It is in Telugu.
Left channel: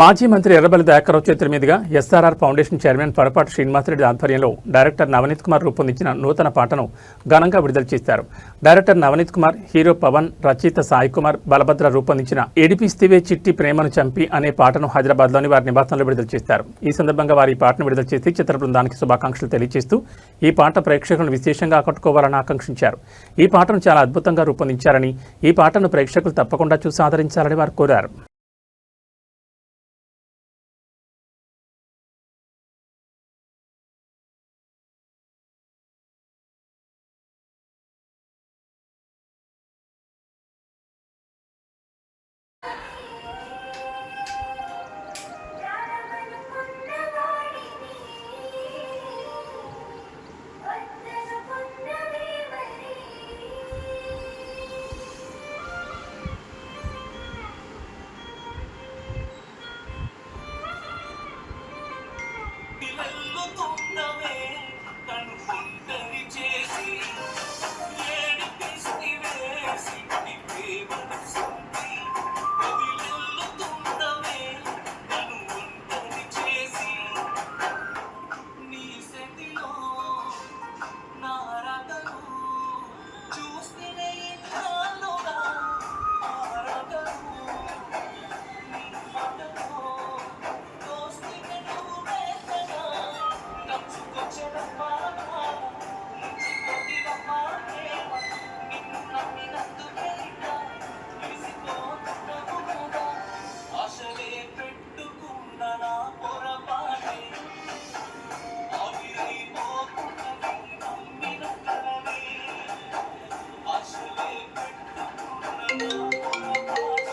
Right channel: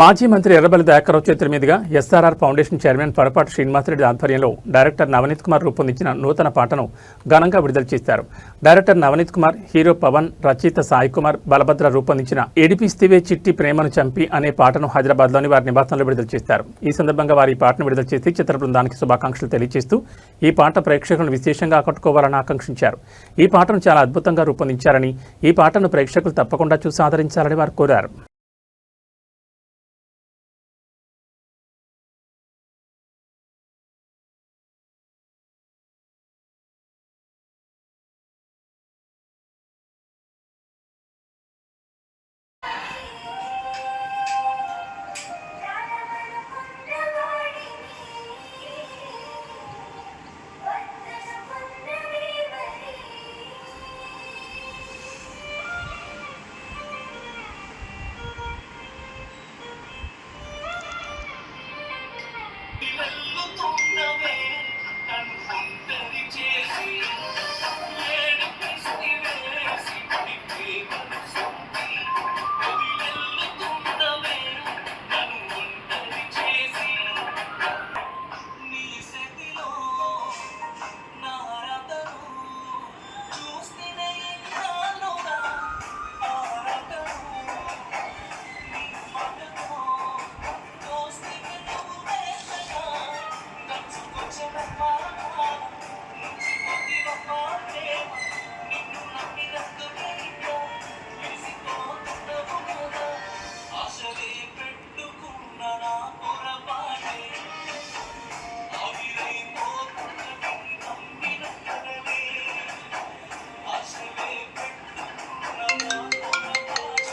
మాజీ మంత్రి ఎర్రబెల్లి దయాకర్రావు చేతుల మీదుగా ఎస్ఆర్ఆర్ ఫౌండేషన్ చైర్మన్ పరపాటి శ్రీనివాసరెడ్డి ఆధ్వర్యంలో డైరెక్టర్ నవనీత్ కుమార్ రూపొందించిన నూతన పాటను ఘనంగా విడుదల చేశారు. డైరెక్టర్ నవనీత్ కుమార్, హీరో పవన్, రచయిత సాయి కుమార్, బలభద్ర రూపొందించిన ఏడిపిస్తివే చిట్టి ప్రేమను చంపి అనే పాటను హైదరాబాద్లోని వారి నివాసంలో విడుదల చేశారు. ఈ సందర్భంగా వారి ఈ పాటను విడుదల చేసి చిత్ర బృందానికి శుభాకాంక్షలు తెలియజేస్తూ ఈ పాట ప్రేక్షకులను విశేషంగా ఆకట్టుకోవాలని ఆకాంక్షించారు. ఈ పాటను చాలా అద్భుతంగా రూపొందించారని, ఈ పాటను ప్రేక్షకులు తప్పకుండా చూసి ఆదరించాలని వారు కోరారు.